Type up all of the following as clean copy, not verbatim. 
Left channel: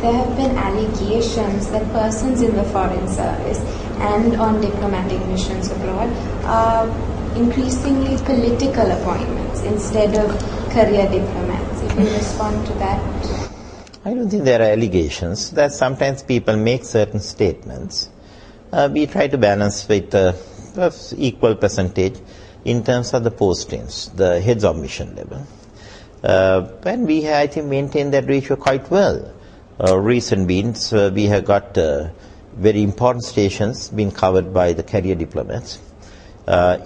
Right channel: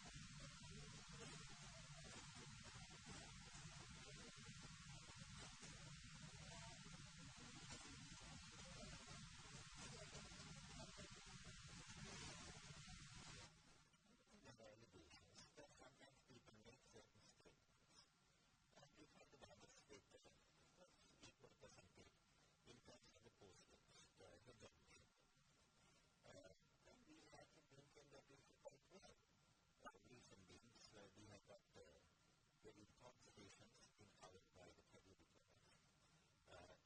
there have been allegations that persons in the foreign service and on diplomatic missions abroad are increasingly political appointments instead of career diplomats. If you respond to that. I don't think there are allegations. That sometimes people make certain statements. We try to balance with equal percentage in terms of the postings, the heads of mission level. And we, I think, maintain that ratio quite well. Recent means we have got very important stations being covered by the career diplomats,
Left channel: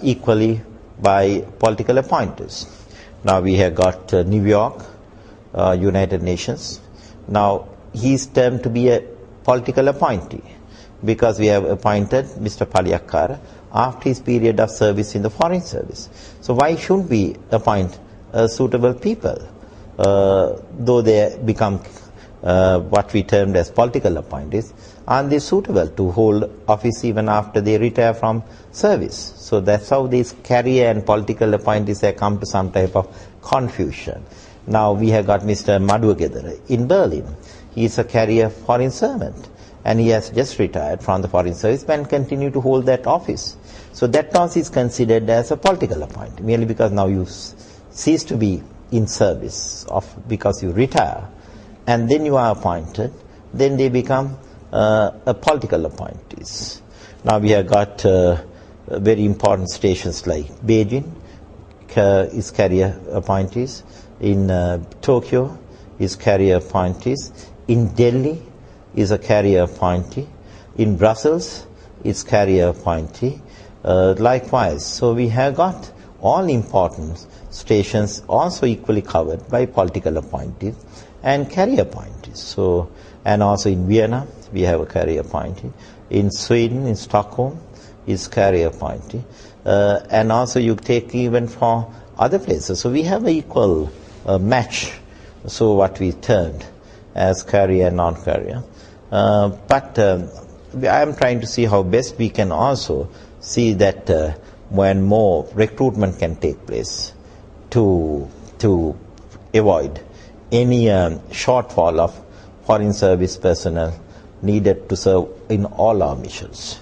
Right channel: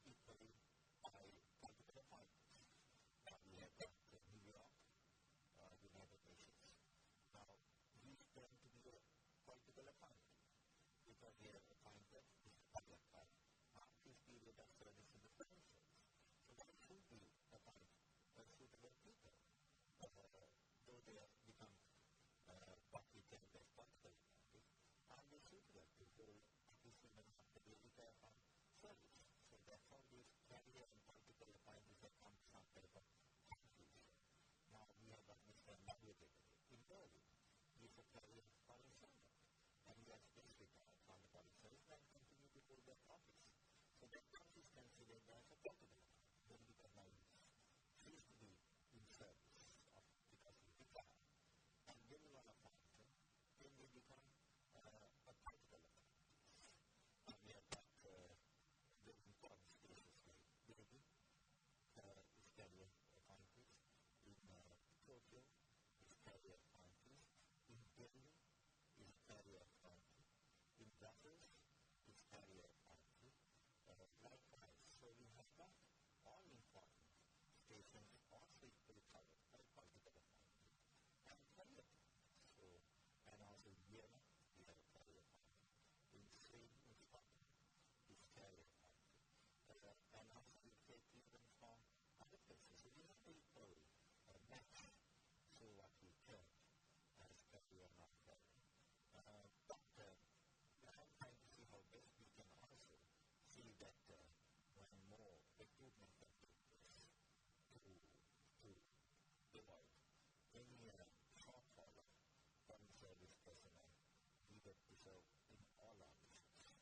equally by political appointees. Now we have got New York, United Nations. Now he's termed to be a political appointee because we have appointed Mr. Paliyakkara after his period of service in the foreign service. So why shouldn't we appoint suitable people, though they become what we termed as political appointees? Aren't they suitable to hold office even after they retire from service? So that's how these career and political appointees have come to some type of confusion. Now we have got Mr. Maduwagedara in Berlin. He is a career foreign servant and he has just retired from the foreign service and continue to hold that office. So that also is considered as a political appointee, merely because now you cease to be in service because you retire and then you are appointed, then they become a political appointees. Now we have got very important stations like Beijing is career appointees, in Tokyo is career appointees, in Delhi is a career appointee, in Brussels is career appointee, likewise. So we have got all important stations also equally covered by political appointees and career appointees. So, and also in Vienna we have a career appointee, in Sweden, in Stockholm is career appointee, and also you take even for other places. So we have an equal match, so what we termed as career and non-career. But I am trying to see how best we can also see that when more recruitment can take place to avoid any shortfall of foreign service personnel needed to serve in all our missions.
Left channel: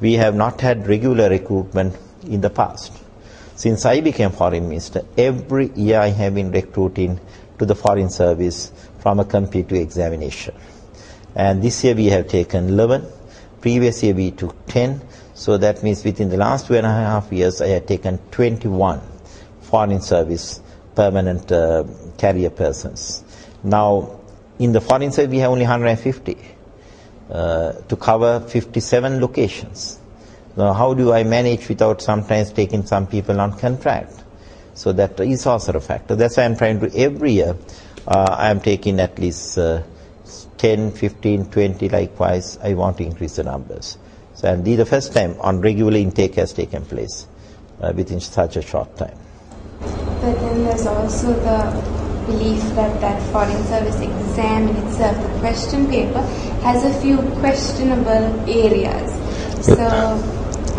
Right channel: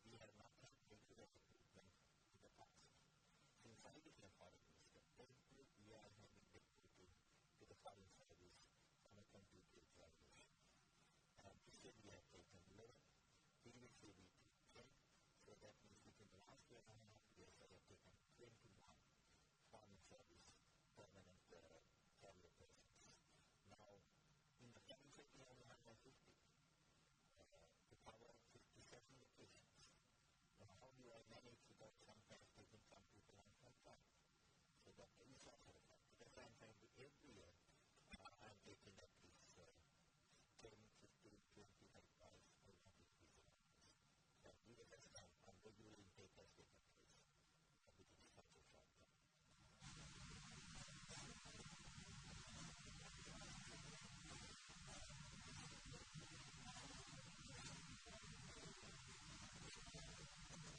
We have not had regular recruitment in the past. Since I became foreign minister, every year I have been recruiting to the foreign service from a competitive examination. And this year we have taken 11, previous year we took 10, so that means within the last 2.5 years I have taken 21 foreign service permanent career persons. Now in the foreign service we have only 150 to cover 57 locations. Now how do I manage without sometimes taking some people on contract? So that is also a factor. That's why I'm trying to, every year I am taking at least 10, 15, 20, likewise I want to increase the numbers. So and the first time on regular intake has taken place within such a short time. But then there's also the belief that that foreign service exam in itself, the question paper, has a few questionable areas. So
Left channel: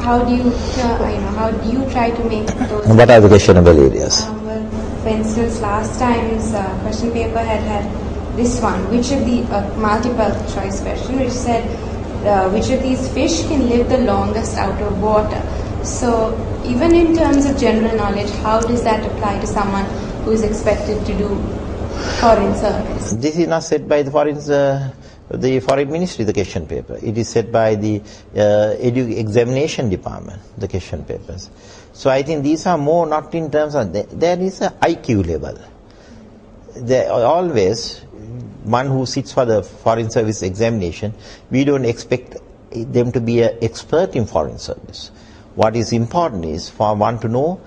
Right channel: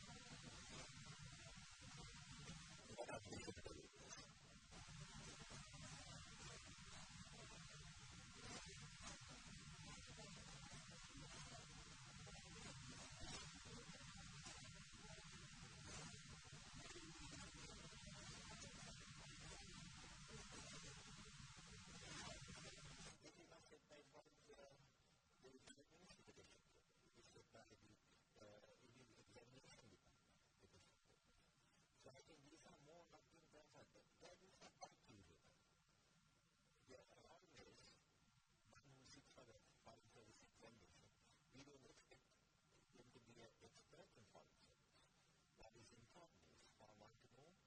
how do you, how do you try to make those? And what are the questionable areas? Well, for instance, last time's question paper had this one, which of the multiple choice question, which said which of these fish can live the longest out of water. So even in terms of general knowledge, how does that apply to someone who is expected to do foreign service? This is not said by the foreign ministry, the question paper. It is set by the examination department, the question papers. So I think these are more not in terms of, there is a IQ level. There always, one who sits for the foreign service examination, we don't expect them to be an expert in foreign service. What is important is for one to know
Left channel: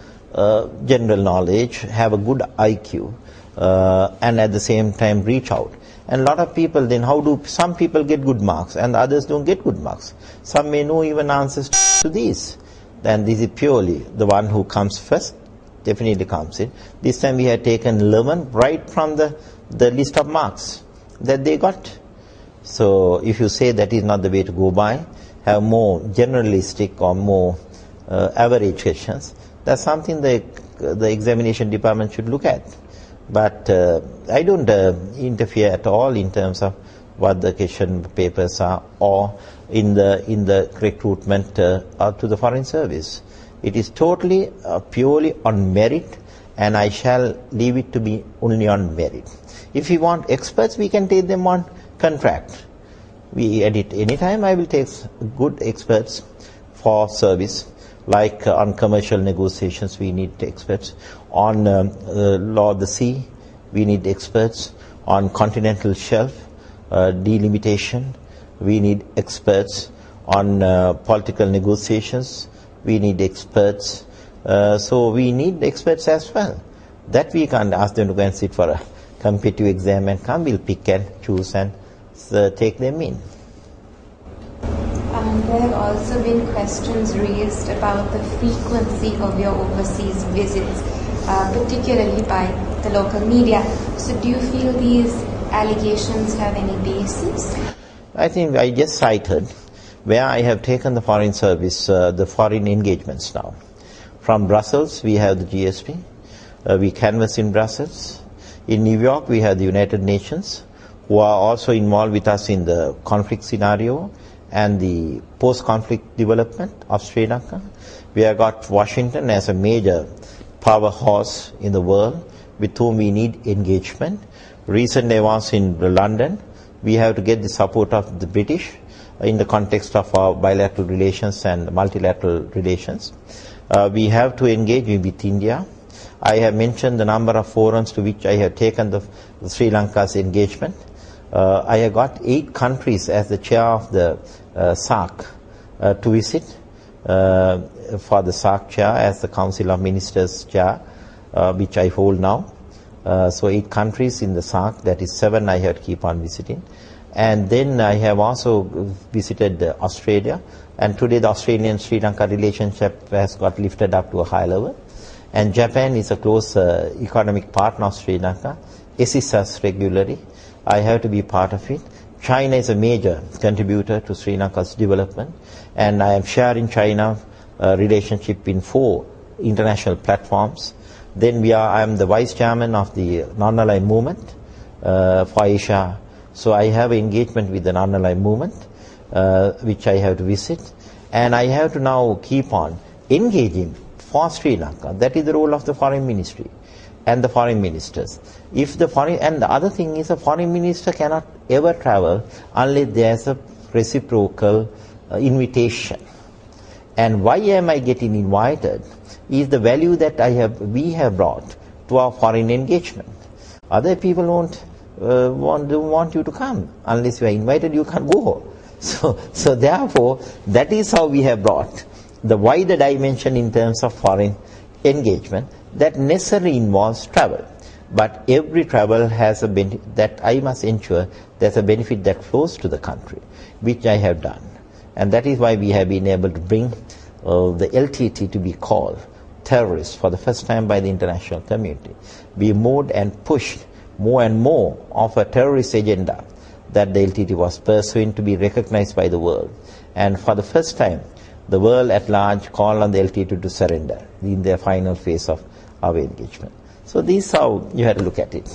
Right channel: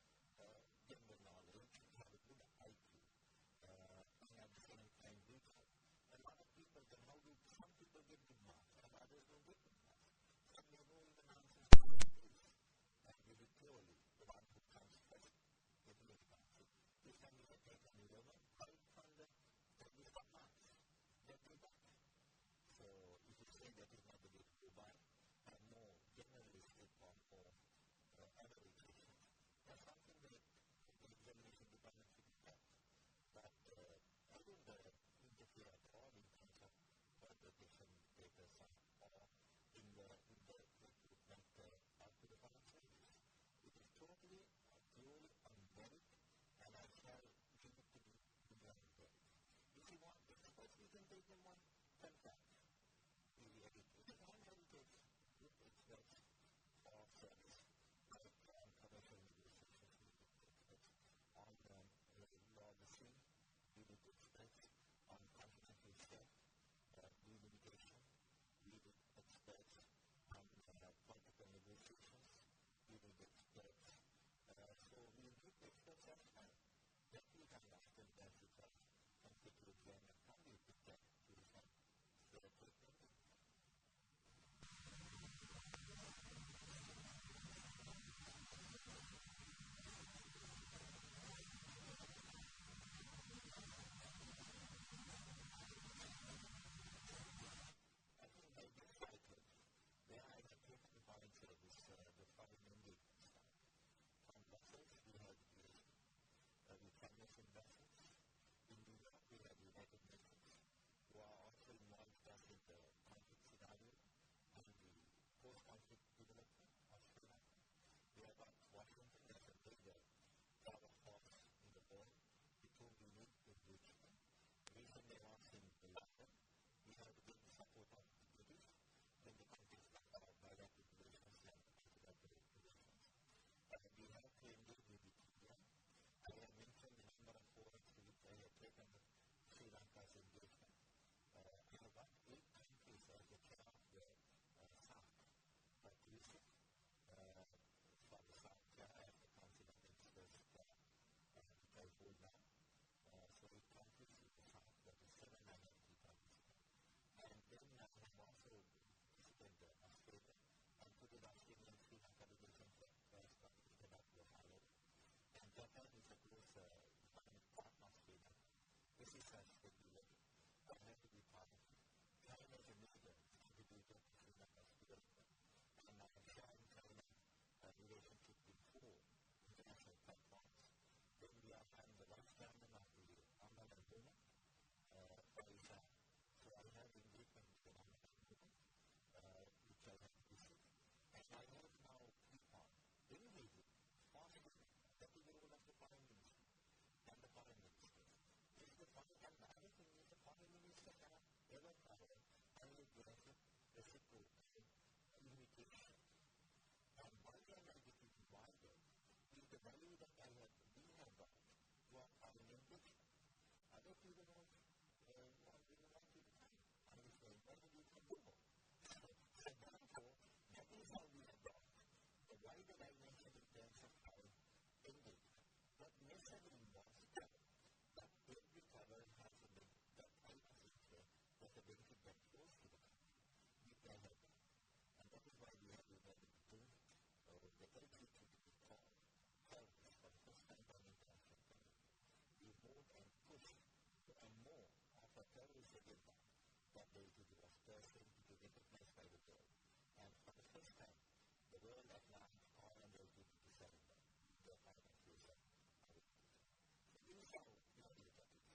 general knowledge, have a good IQ, and at the same time reach out. And a lot of people then, some people get good marks and others don't get good marks. Some may know even answers to these. Then this is purely the one who comes first, definitely comes in. This time we had taken 11 right from the list of marks that they got. So if you say that is not the way to go by, have more generalistic or more average questions, that's something the examination department should look at. But I don't interfere at all in terms of what the question papers are or in the recruitment to the foreign service. It is totally, purely on merit, and I shall leave it to be only on merit. If we want experts, we can take them on contract. We edit anytime. I will take good experts for service, like on commercial negotiations we need experts, on law of the sea we need experts, on continental shelf delimitation we need experts, on political negotiations we need experts. So we need experts as well. That we can't ask them to go and sit for a competitive exam and come. We'll pick and choose and take them in. There have also been questions raised about the frequency of your overseas visits, particularly by the local media. So do you feel these allegations have any basis? I think I just cited where I have taken the foreign service, the foreign engagements now. From Brussels, we have the GSP. We canvass in Brussels. In New York, we have the United Nations, who are also involved with us in the conflict scenario and the post-conflict development of Sri Lanka. We have got Washington as a major powerhouse in the world with whom we need engagement. Recently I was in London. We have to get the support of the British in the context of our bilateral relations and multilateral relations. We have to engage with India. I have mentioned the number of forums to which I have taken the Sri Lanka's engagement. I have got 8 countries as the chair of the SAARC to visit for the SAARC chair as the Council of Ministers chair, which I hold now. So 8 countries in the SAARC, that is 7 I have to keep on visiting. And then I have also visited Australia, and today the Australian-Sri Lanka relationship has got lifted up to a high level. And Japan is a close economic partner of Sri Lanka, assists us regularly. I have to be part of it. China is a major contributor to Sri Lanka's development, and I am sharing China relationship in 4 international platforms. Then I am the vice chairman of the non-aligned movement for Asia. So I have engagement with the non-aligned movement, which I have to visit, and I have to now keep on engaging for Sri Lanka. That is the role of the foreign ministry and the foreign ministers. And the other thing is, a foreign minister cannot ever travel unless there is a reciprocal invitation. And why am I getting invited is the value that we have brought to our foreign engagement. Other people don't want you to come. Unless you are invited, you can't go. So therefore, that is how we have brought the wider dimension in terms of foreign engagement that necessarily involves travel. But every travel has a benefit that I must ensure there's a benefit that flows to the country, which I have done. And that is why we have been able to bring the LTT to be called terrorists for the first time by the international community. We moved and pushed more and more of a terrorist agenda that the LTT was pursuing to be recognized by the world. And for the first time, the world at large called on the LTT to surrender in their final phase of our engagement. So this is how you have to look at it.